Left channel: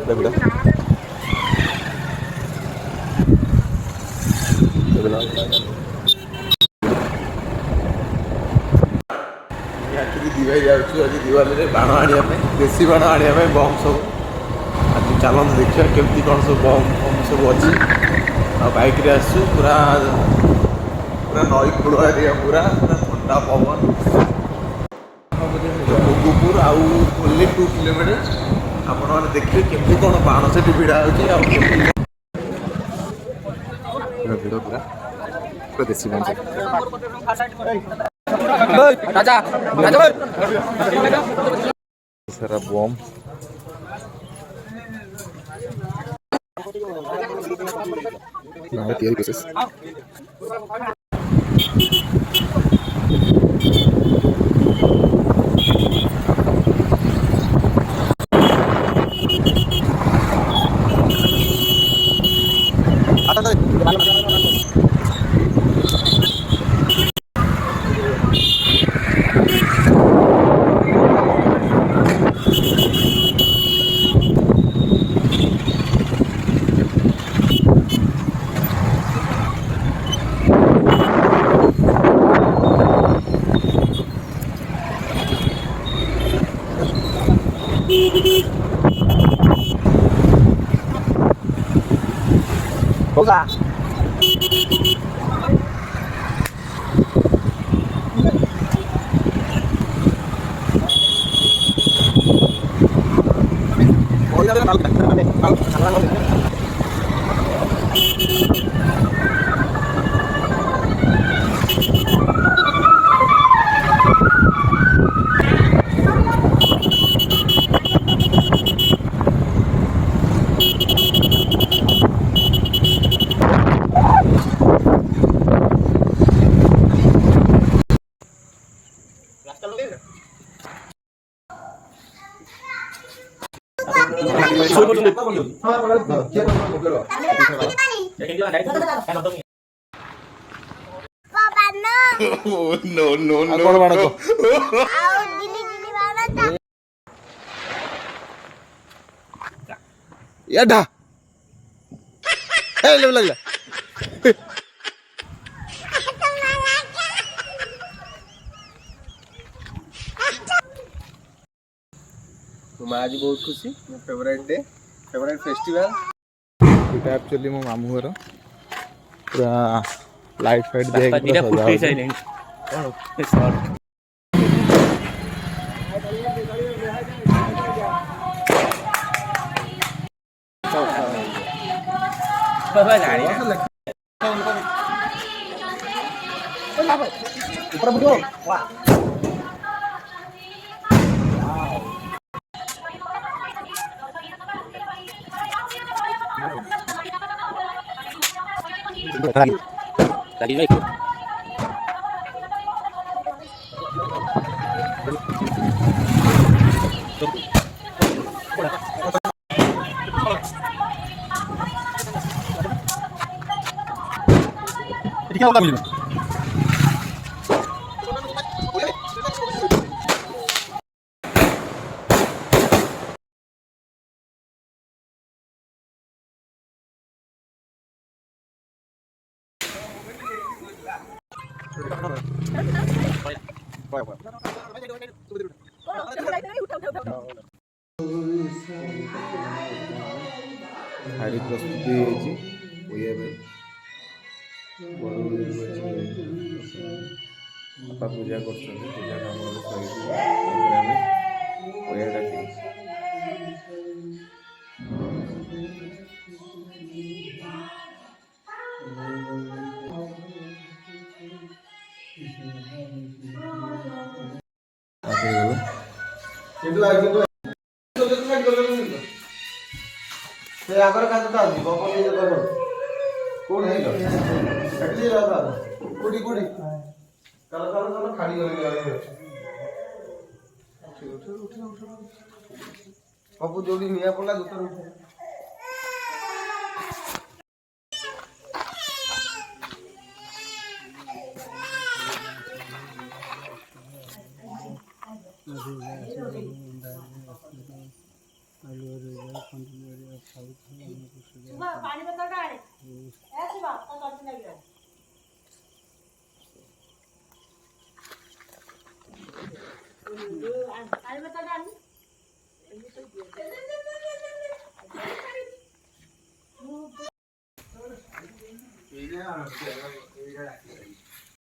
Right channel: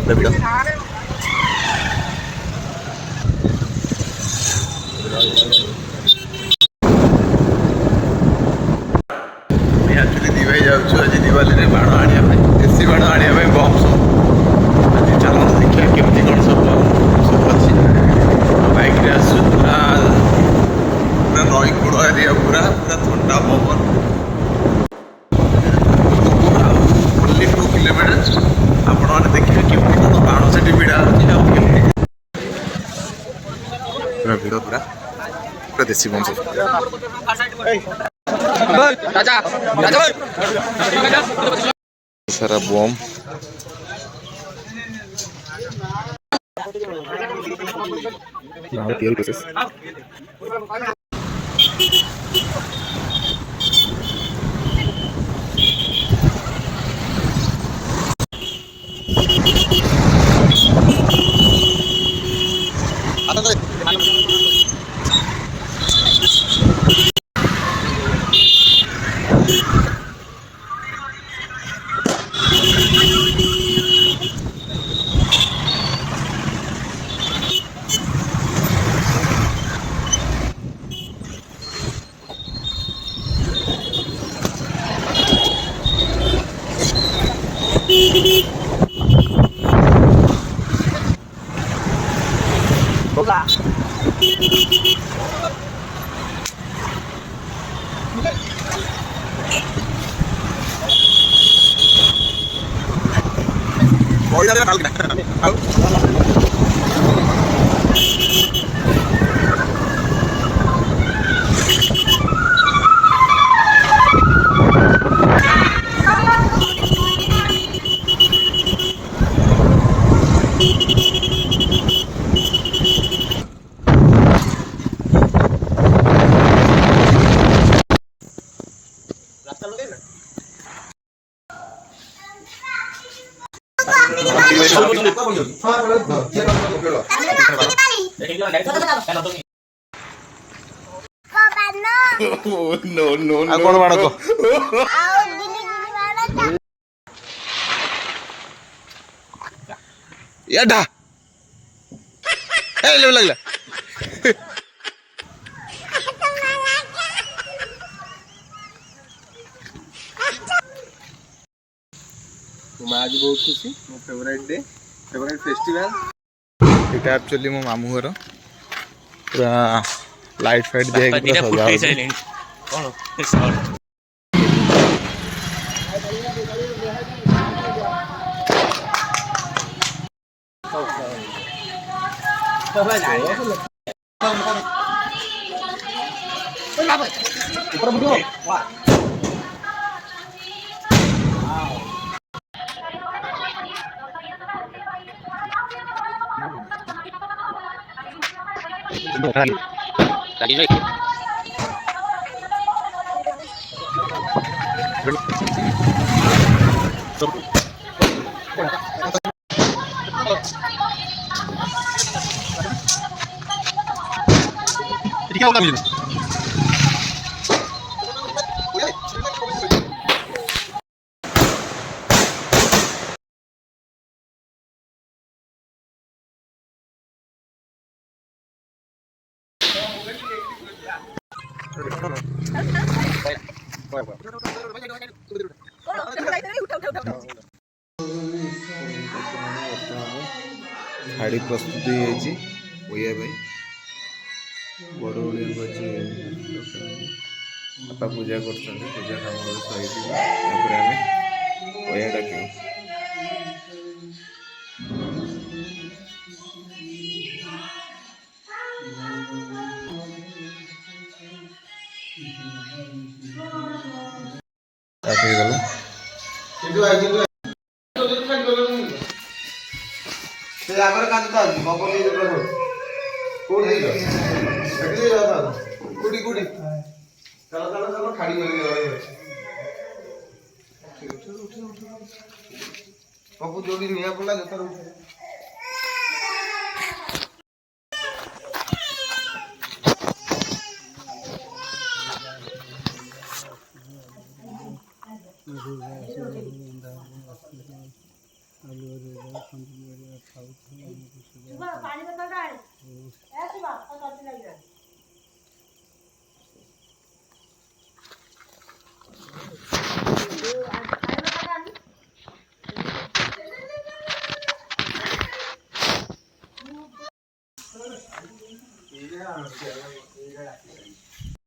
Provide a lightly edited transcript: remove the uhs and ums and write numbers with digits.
କେତେ ଭିଡ଼। ଆକ୍ଚୁଆଲି ଦିଭାଇ ଯାଉଛୁ ଆଜି ଦିୱାଲିରେ ବାଣ ଆଣିବା ପାଇଁ, ଦେଶୀ ବାଣ ଆଣିବା ପାଇଁ, ବମ୍ ସବୁ। ଆଜି ଚାଲନ୍ତୁ ଦେଖିବା କେମିତି କ'ଣ ସବୁ ବମ୍ ସବୁ ଅଛି। ଆଉ ବାଇକ୍ରେ ଆସୁଛୁ, ପୁରା ପୁରା ନଈ କୂଳ ଏରିଆ, ପୁରା ପୁରା ଥଣ୍ଡା ପବନ। ଆଉ ଓନ୍ଲି 2 କିଲୋମିଟର। ଆପଣମାନେ ଦେଖିବେ କେମିତି କ'ଣ ବାଣ ସେଠି ଭିଡ଼ା ହେଉଛି ଆଉ କେମିତି ଭିଡ଼ ପୁରା ପୁରା ଦେଶୀ ବମ୍ ସବୁ। ସାରା ବମ୍ ତିଆରି ପ୍ରୋସେସ୍। କଣ ବାଣ ଏଟା ଲାଗିଲା। ମୁଁ ଆଜି ବହୁତ ଖୁସି, ମୋ ଫେଭରାଇଟ୍ ଡେ, ଫେଭରାଇଟ୍ ଫେଷ୍ଟିଭାଲ। ଏଇଟା ଆକ୍ଚୁଆଲି ମୋ ମାମୁଁ ଘର, ପୁରା ଲାଇଟ୍ ଫାଇଟ୍ ଦିଆହେଇକି ପୁରା ସଜା ହେଉଛି। ଶାଢ଼ୀ ପ୍ରସ୍ତୁତି ହେଇଯାଇଛି ବୋଇବା ପାଇଁ। ବଡ଼ ବାପା ପୂଜା କରୁଛନ୍ତି, ପୂଜା କାମ ସରିଛି। ତାପରେ ଆମେ ବୋଇବା ଡାକିବୁ। ଯୋଉଠି ନିଆଁ ପଡିଲା ଜୋତାରେ ଉଠେ।